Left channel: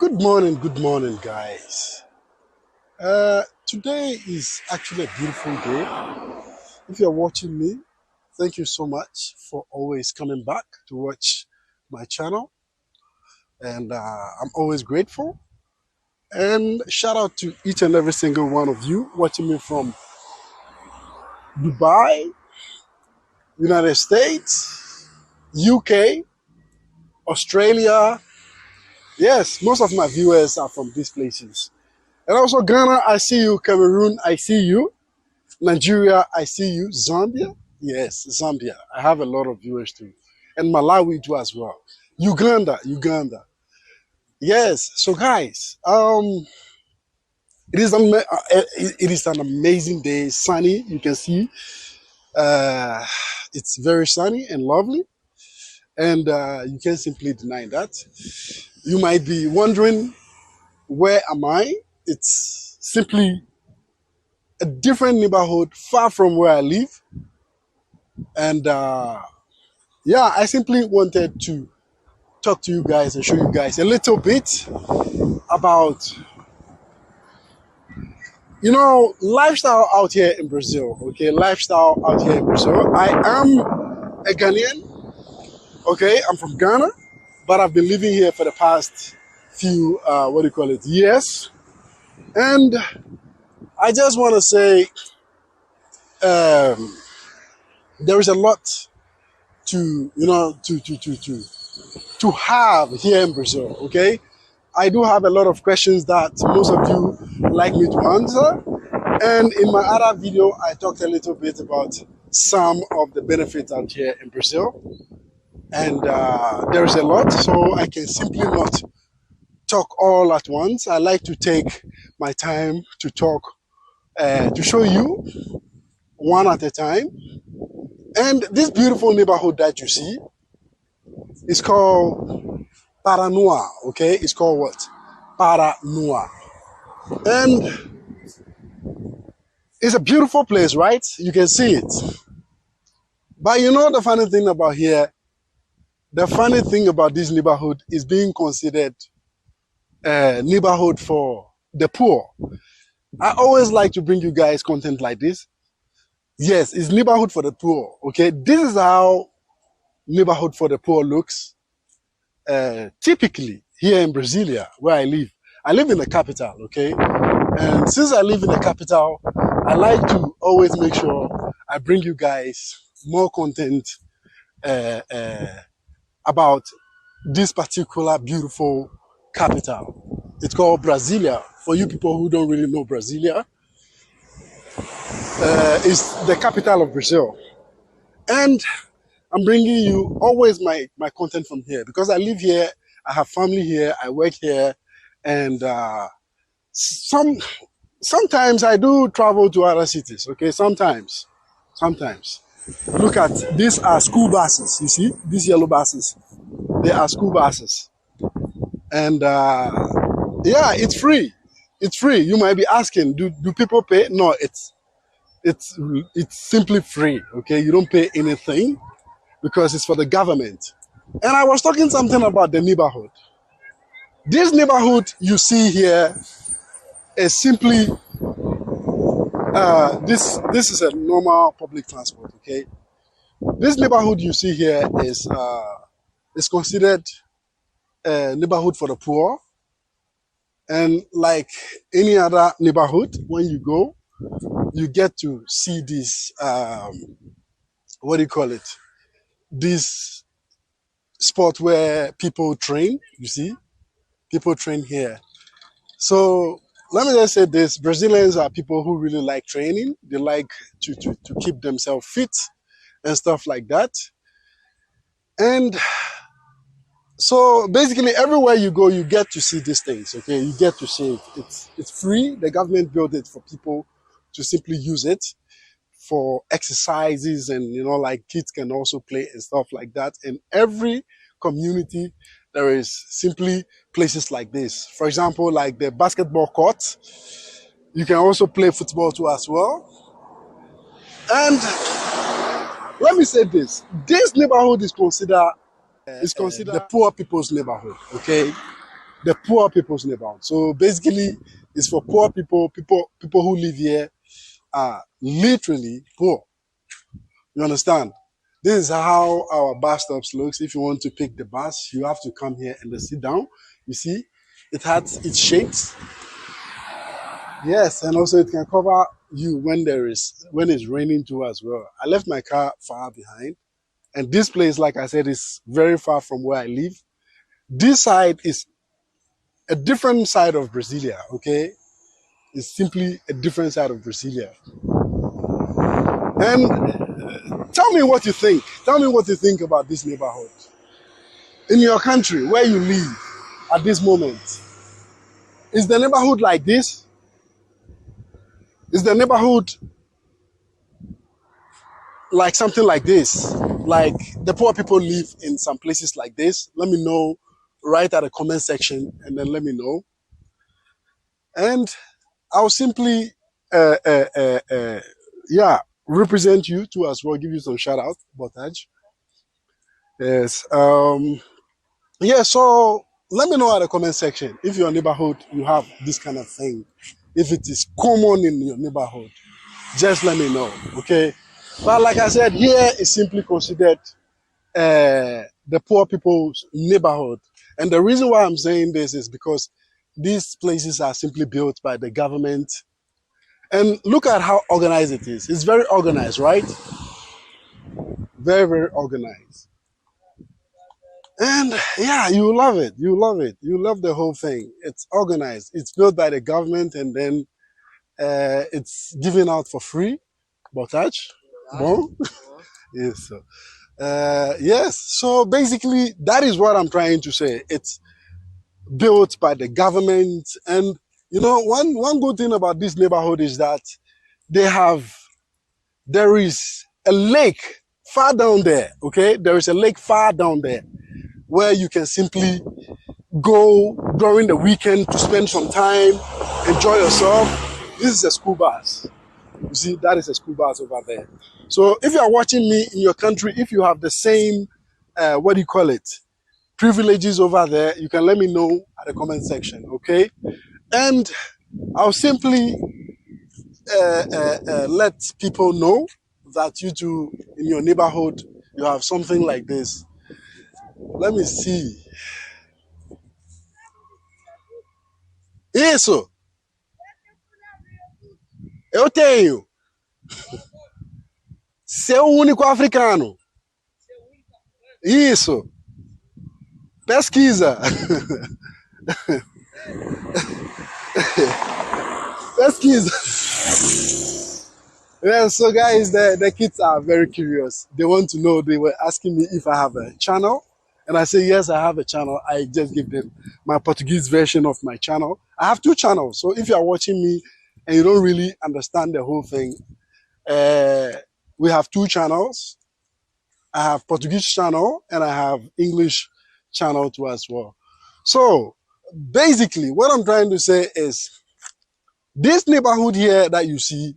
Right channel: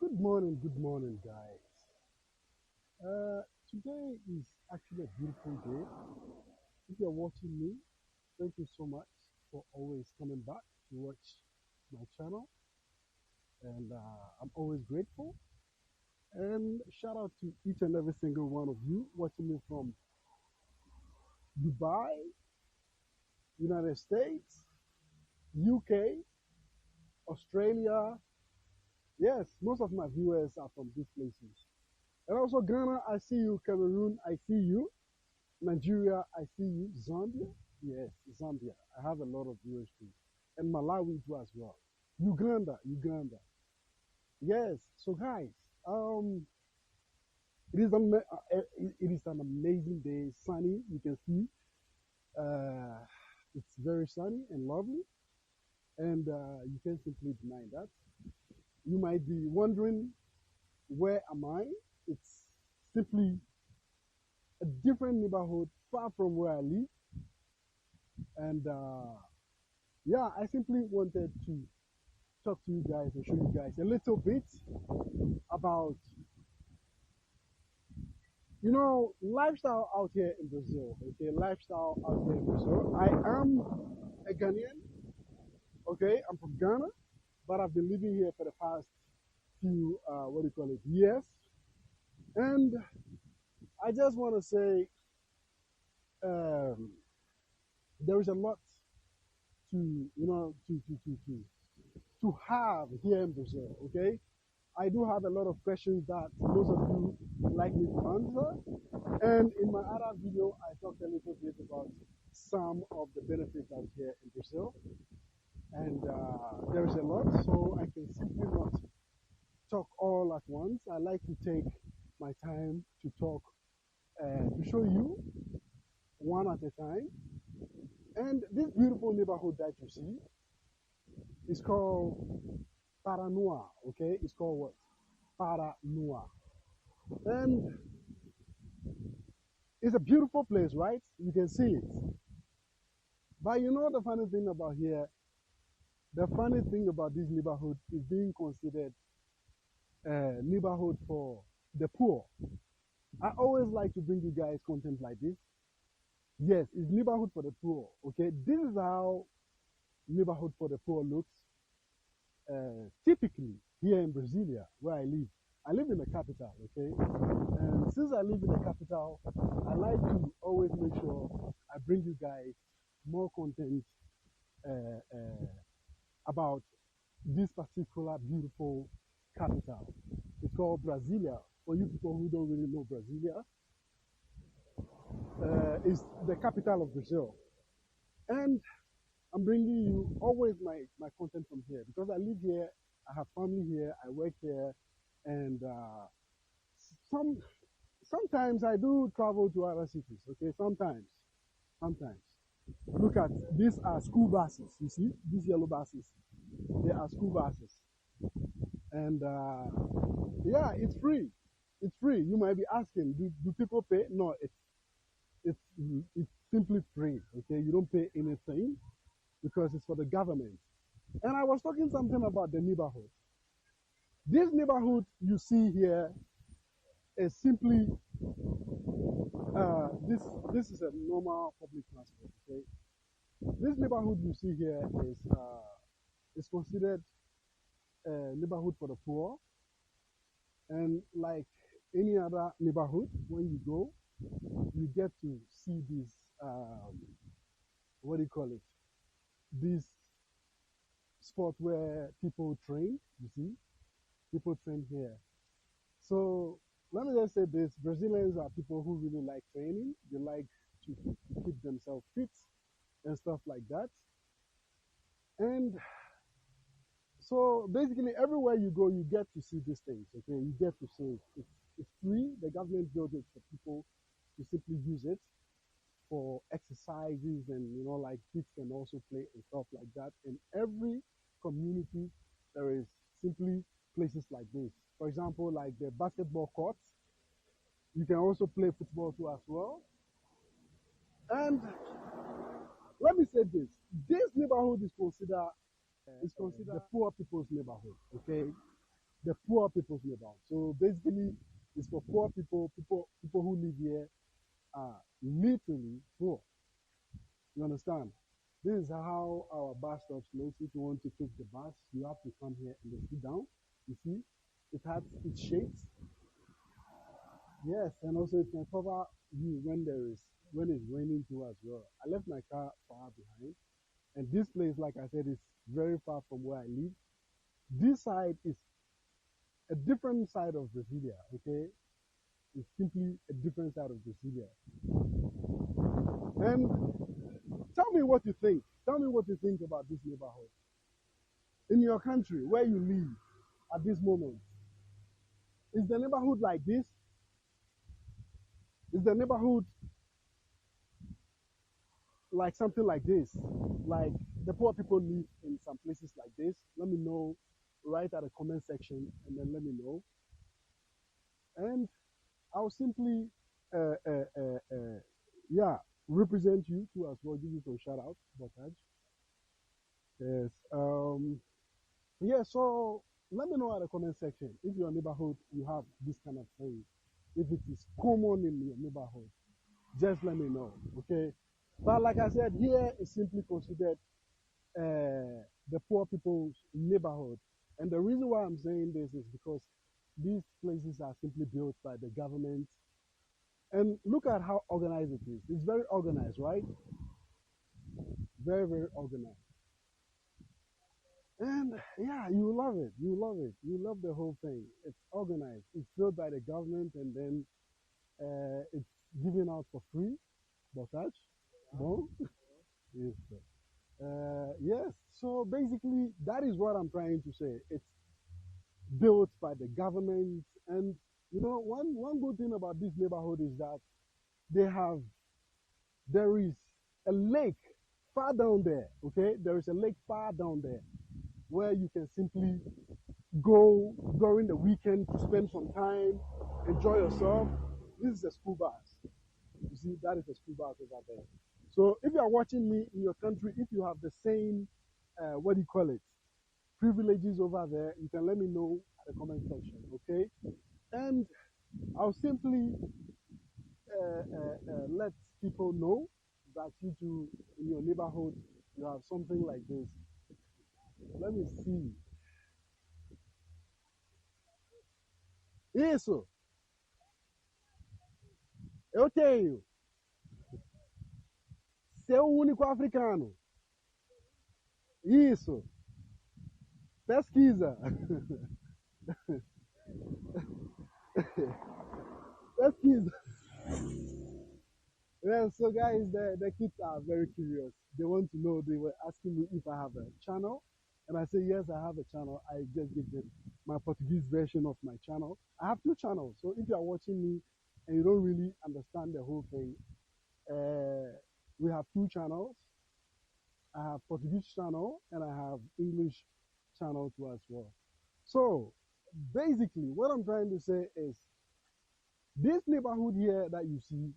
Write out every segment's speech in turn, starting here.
Good morning, guys. Today is actually a beautiful day. If you're watching me, thank you so much for always coming back to watch my channel, and I'm always grateful. And shout out to each and every single one of you watching me from Dubai, United States, UK, Australia. Yes, most of my viewers are from these places. And also Ghana, I see you. Cameroon, I see you. Nigeria, I see you. Zambia, yes, Zambia. I have a lot of viewers too. And Malawi too as well. Uganda. Yes, so guys, it is an amazing day, sunny. You can see uh, it's very sunny and lovely. And you can't simply deny that. You might be wondering, where am I? It's simply a different neighborhood far from where I live. And yeah, I simply wanted to talk to you guys and show you guys a little bit about, lifestyle out here in Brazil. Okay, lifestyle out here in Brazil. I am a Ghanaian. Okay, I'm from Ghana, but I've been living here for the past few, years. And I just want to say um, there is a lot to, to have here in Brazil. Okay, I do have a lot of questions that most of you like me to answer. And in my other video, I talked a little bit about some of the benefits out here in Brazil. And there is a lot, so I can simply not talk all at once. I like to take my time to talk, to show you one at a time. And this beautiful neighborhood that you see is called Paranoa, okay? It's called what? Paranoa. And it's a beautiful place, right? You can see it. But you know the funny thing about here? The funny thing about this neighborhood is being considered a neighborhood for the poor. I always like to bring you guys content like this. Yes, it's neighborhood for the poor, okay? This is how neighborhood for the poor looks typically here in Brasilia, where I live. I live in the capital, okay? And since I live in the capital, I like to always make sure I bring you guys more content about this particular beautiful capital. It's called Brasilia. For you people who don't really know Brasilia, it's the capital of Brazil. And I'm bringing you always my content from here because I live here, I have family here, I work here, and sometimes I do travel to other cities, okay? Sometimes. Look at, these are school buses, you see? These yellow buses, they are school buses. And yeah, it's free. It's free. You might be asking, do people pay? No, it's simply free, okay? You don't pay anything because it's for the government. And I was talking something about the neighborhood. This neighborhood you see here is simply this is a normal public transport, okay? This neighborhood you see here is considered a neighborhood for the poor. And like any other neighborhood, when you go, you get to see this, this spot where people train, you see? People train here. So let me just say this, Brazilians are people who really like training. They like to keep themselves fit and stuff like that. And so basically everywhere you go, you get to see these things, okay? You get to see it. It's free. The government built it for people to simply use it for exercises, and like kids can also play and stuff like that. In every community, there is simply places like this. For example, like the basketball court. You can also play football too as well. And let me say this neighborhood is considered the poor people's neighborhood, okay? the poor people's neighborhood. So basically, it's for poor people. People who live here are literally poor. You understand? This is how our bus stops looks. If you want to pick the bus, you have to come here and then sit down. You see, it has its shades. Yes, and also it can cover you when it's raining too as well. I left my car far behind, and this place, like I said, is very far from where I live. This side is a different side of Brasilia, okay? It's simply a different side of Brasilia. And tell me what you think. Tell me what you think about this neighborhood. In your country, where you live at this moment, is the neighborhood like this? Is the neighborhood like something like this? Like the poor people live in some places like this? Let me know. Write at the comment section and then let me know. And I'll simply, uh, uh, uh, uh, yeah, represent you too as well. Give you some shout out, Botaj. Yes. Yeah. So let me know at the comment section if your neighborhood you have this kind of thing. If it is common in your neighborhood, just let me know. Okay. But like I said, here is simply considered the poor people's neighborhood. And the reason why I'm saying this is because these places are simply built by the government. And look at how organized it is. It's very organized, right? Very, very organized. And yeah, you love it. You love it. You love the whole thing. It's organized. It's built by the government and then it's given out for free. Botage? Bon? Yes. So, yes. So basically, that is what I'm trying to say. It's built by the government. And you know, one good thing about this neighborhood is that there is a lake far down there, okay? There is a lake far down there where you can simply go during the weekend to spend some time, enjoy yourself. This is a school bus. You see, that is a school bus over there. So if you are watching me in your country, if you have the same, what do you call it, privileges over there, you can let me know at the comment section, okay? And I'll simply let people know that you too, in your neighborhood, you have something like this. Let me see. Isso! Eu tenho. Seu único africano. Isso. Pesquisa. Pesquisa. Yeah, so guys, the kids are very curious. They want to know. They were asking me if I have a channel. And I say, yes, I have a channel. I just give them my Portuguese version of my channel. I have two channels. So if you are watching me and you don't really understand the whole thing, we have two channels. I have Portuguese channel and I have English channel too as well. So basically what I'm trying to say is this neighborhood here that you see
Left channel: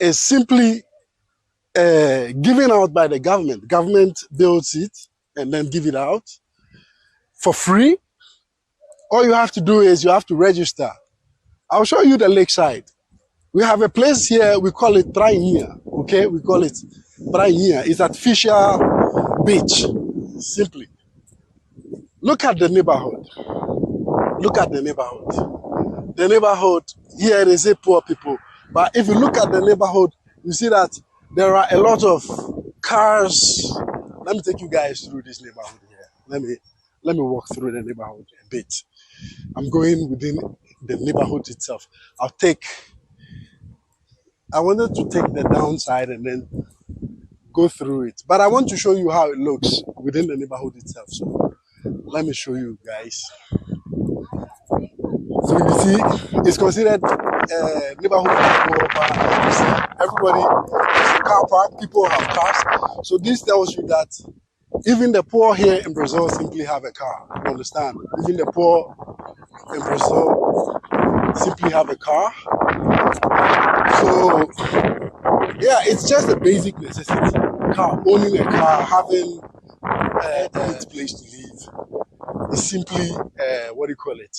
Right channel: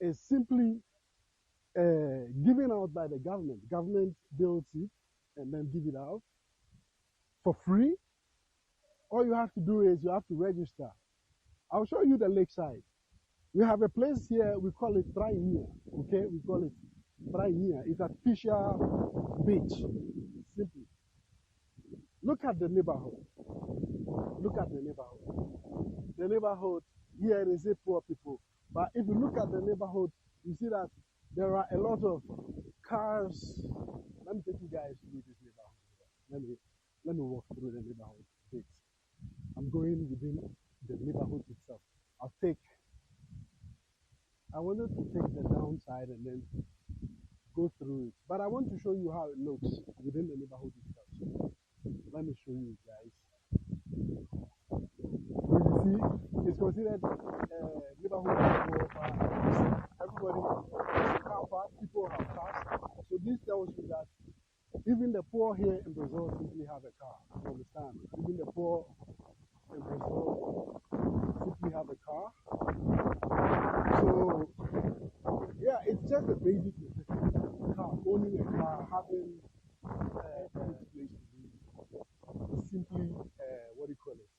is simply given out by the government. Government builds it and then give it out for free. All you have to do is you have to register. I'll show you the lakeside. We have a place here, we call it Prainha, okay? We call it Prainha. It's artificial beach, simply. Look at the neighborhood. Look at the neighborhood. The neighborhood, here they say poor people. But if you look at the neighborhood, you see that there are a lot of cars. Let me take you guys through this neighborhood here. Let me walk through the neighborhood a bit. I'm going within the neighborhood itself. I wanted to take the downside and then go through it. But I want to show you how it looks within the neighborhood itself. So let me show you guys. So you see, it's considered neighborhood. Everybody has a car park, people have cars. So this tells you that even the poor here in Brazil simply have a car. You understand? Even the poor in Brazil simply have a car. So yeah, it's just a basic necessity. Owning a car, having a good place to live is simply, what do you call it?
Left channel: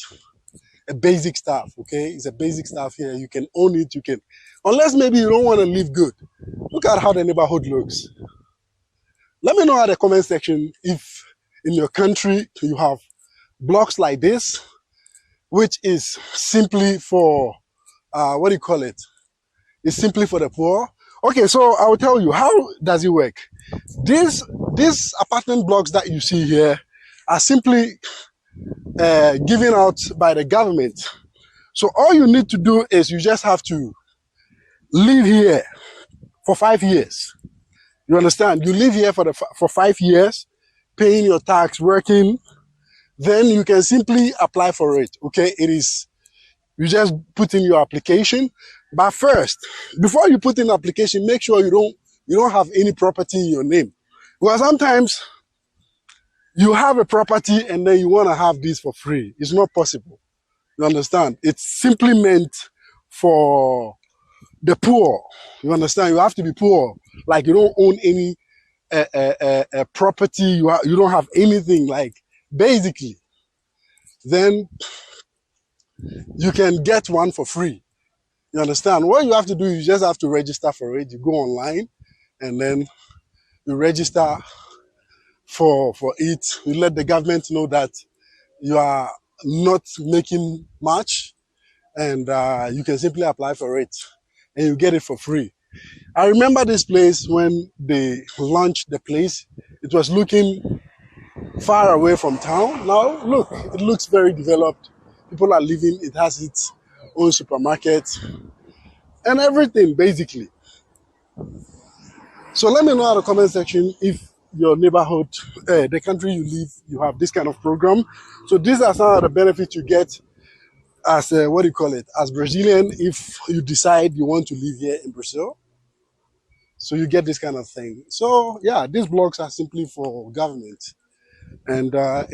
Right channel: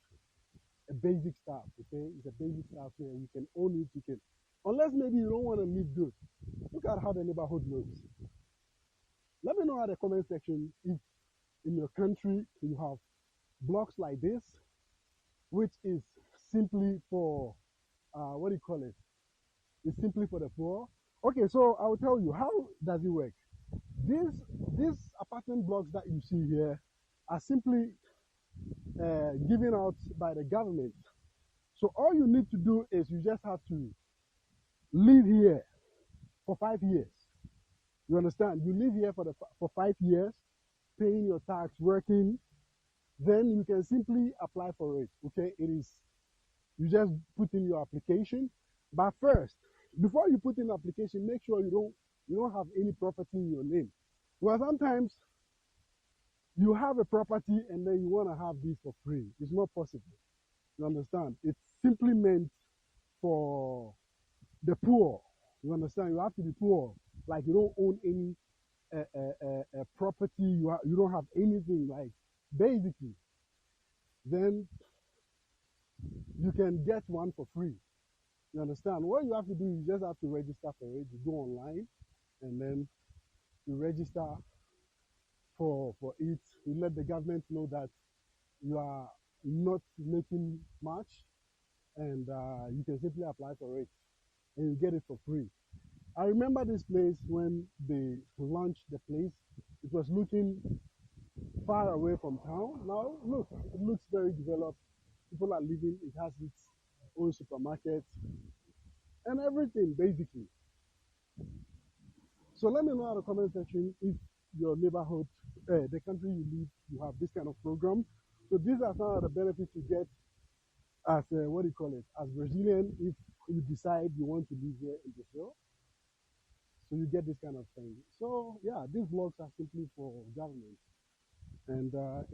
A basic stuff, okay? It's a basic stuff here. You can own it, you can, unless maybe you don't want to live good. Look at how the neighborhood looks. Let me know in the comment section if in your country you have blocks like this, which is simply for, what do you call it? It's simply for the poor. Okay, so I will tell you, how does it work? These apartment blocks that you see here are simply given out by the government. So all you need to do is you just have to live here for 5 years. You understand? You live here for 5 years, paying your tax, working, then you can simply apply for it. Okay, you just put in your application. But first, before you put in application, make sure you don't have any property in your name. Because sometimes you have a property and then you want to have this for free. It's not possible. You understand? It's simply meant for the poor. You understand? You have to be poor. Like you don't own any property. You don't have anything. Like basically, then you can get one for free. You understand? What you have to do, you just have to register for it. You go online and then you register for it. You let the government know that you are not making much, and you can simply apply for it and you get it for free. I remember this place when they launched the place. It was looking far away from town. Now look, it looks very developed. People are living, it has its own supermarket and everything basically. So let me know in the comment section if your neighborhood, the country you live, you have this kind of program. So these are some of the benefits you get as what do you call it, as Brazilian, if you decide you want to live here in Brazil. So you get this kind of thing. So yeah, these blocks are simply for government, and they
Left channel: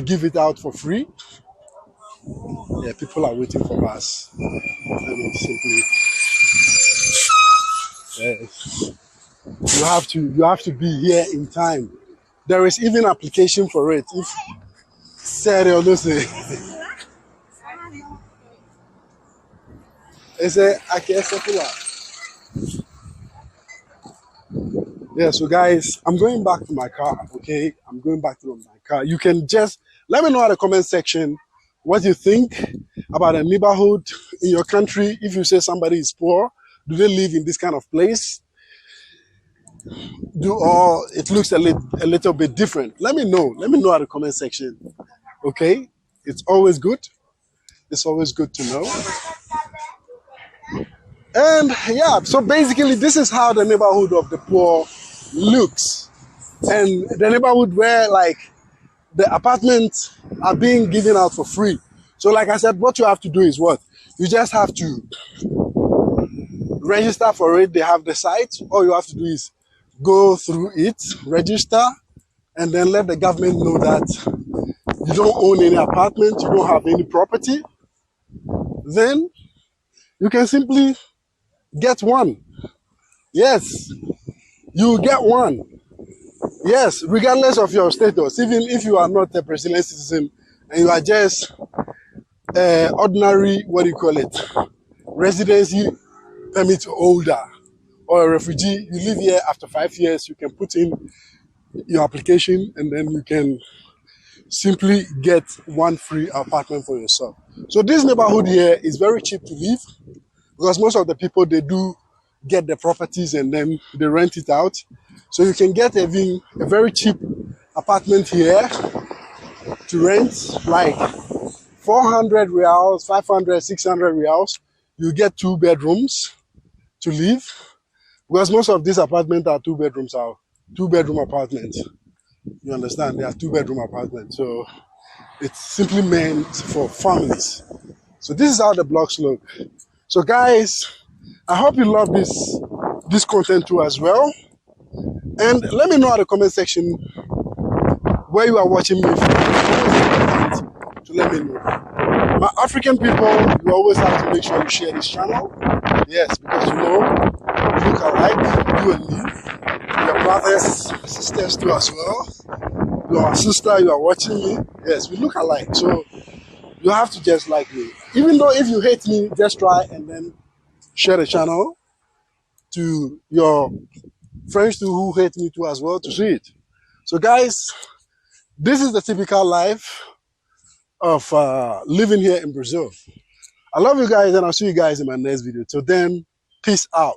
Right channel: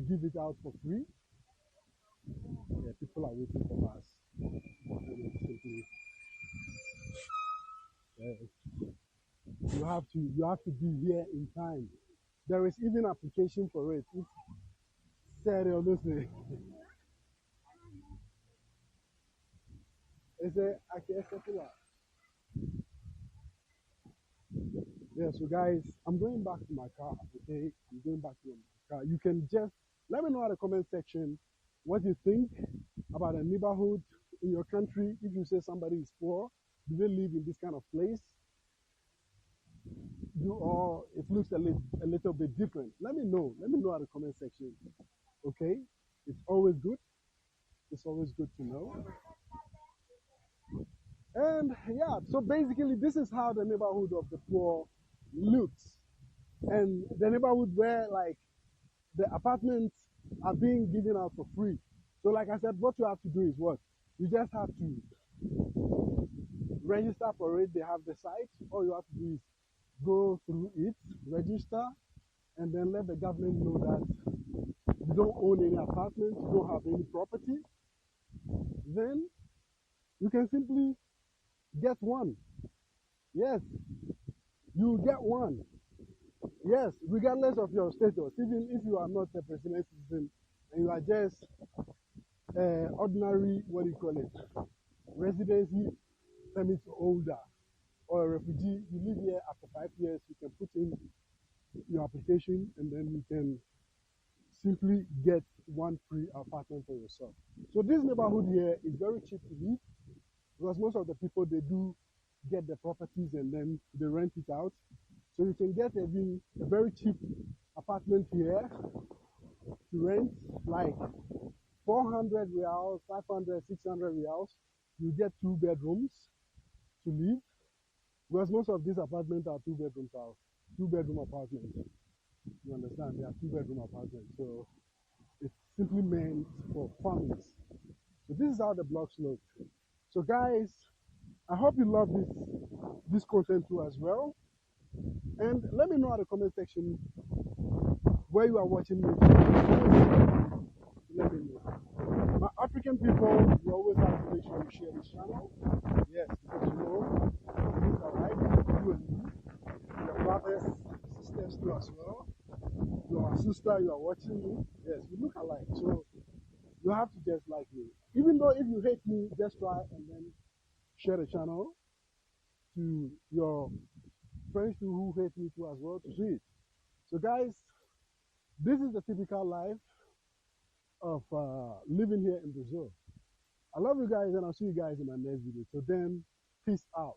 give it out for free. Yeah, people are waiting for us. I mean, simply, you have to be here in time. There is even application for it. If seriously, it's a popular. Yeah, so guys, I'm going back to my car, okay? I'm going back to my car. You can just let me know in the comment section what you think about a neighborhood in your country. If you say somebody is poor, do they live in this kind of place? Or it looks a little bit different? Let me know. Let me know in the comment section, okay? It's always good. It's always good to know. And yeah, so basically this is how the neighborhood of the poor looks. And the neighborhood where like the apartments are being given out for free. So like I said, what you have to do is what? You just have to register for it. They have the site. All you have to do is go through it, register, and then let the government know that you don't own any apartment, you don't have any property. Then you can simply get one. Yes, you get one. Yes, regardless of your status, even if you are not a Brazilian citizen and you are just ordinary, what do you call it, residency permit holder or a refugee, you live here after 5 years, you can put in your application and then you can simply get one free apartment for yourself. So this neighborhood here is very cheap to live because most of the people, they do get the properties and then they rent it out. So you can get even a very cheap apartment here to rent, like 400 reals, 500, 600 reals. You get 2 bedrooms to live because most of these apartments are 2 bedrooms, are 2-bedroom apartments. You understand? They are 2-bedroom apartments. So it's simply meant for families. So this is how the blocks look. So guys, I hope you love this content too as well. And let me know in the comment section where you are watching me from. To let me know. My African people, you always have to make sure you share this channel. Yes, because you know, we look alike, you and me. We are brothers, sisters too as well. your sister, you are watching me. Yes, we look alike. So you have to just like me. Even though if you hate me, just try and then share the channel to your friends too who hate me too as well to see it. So guys, this is the typical life of living here in Brazil. I love you guys and I'll see you guys in my next video. Till then, peace out.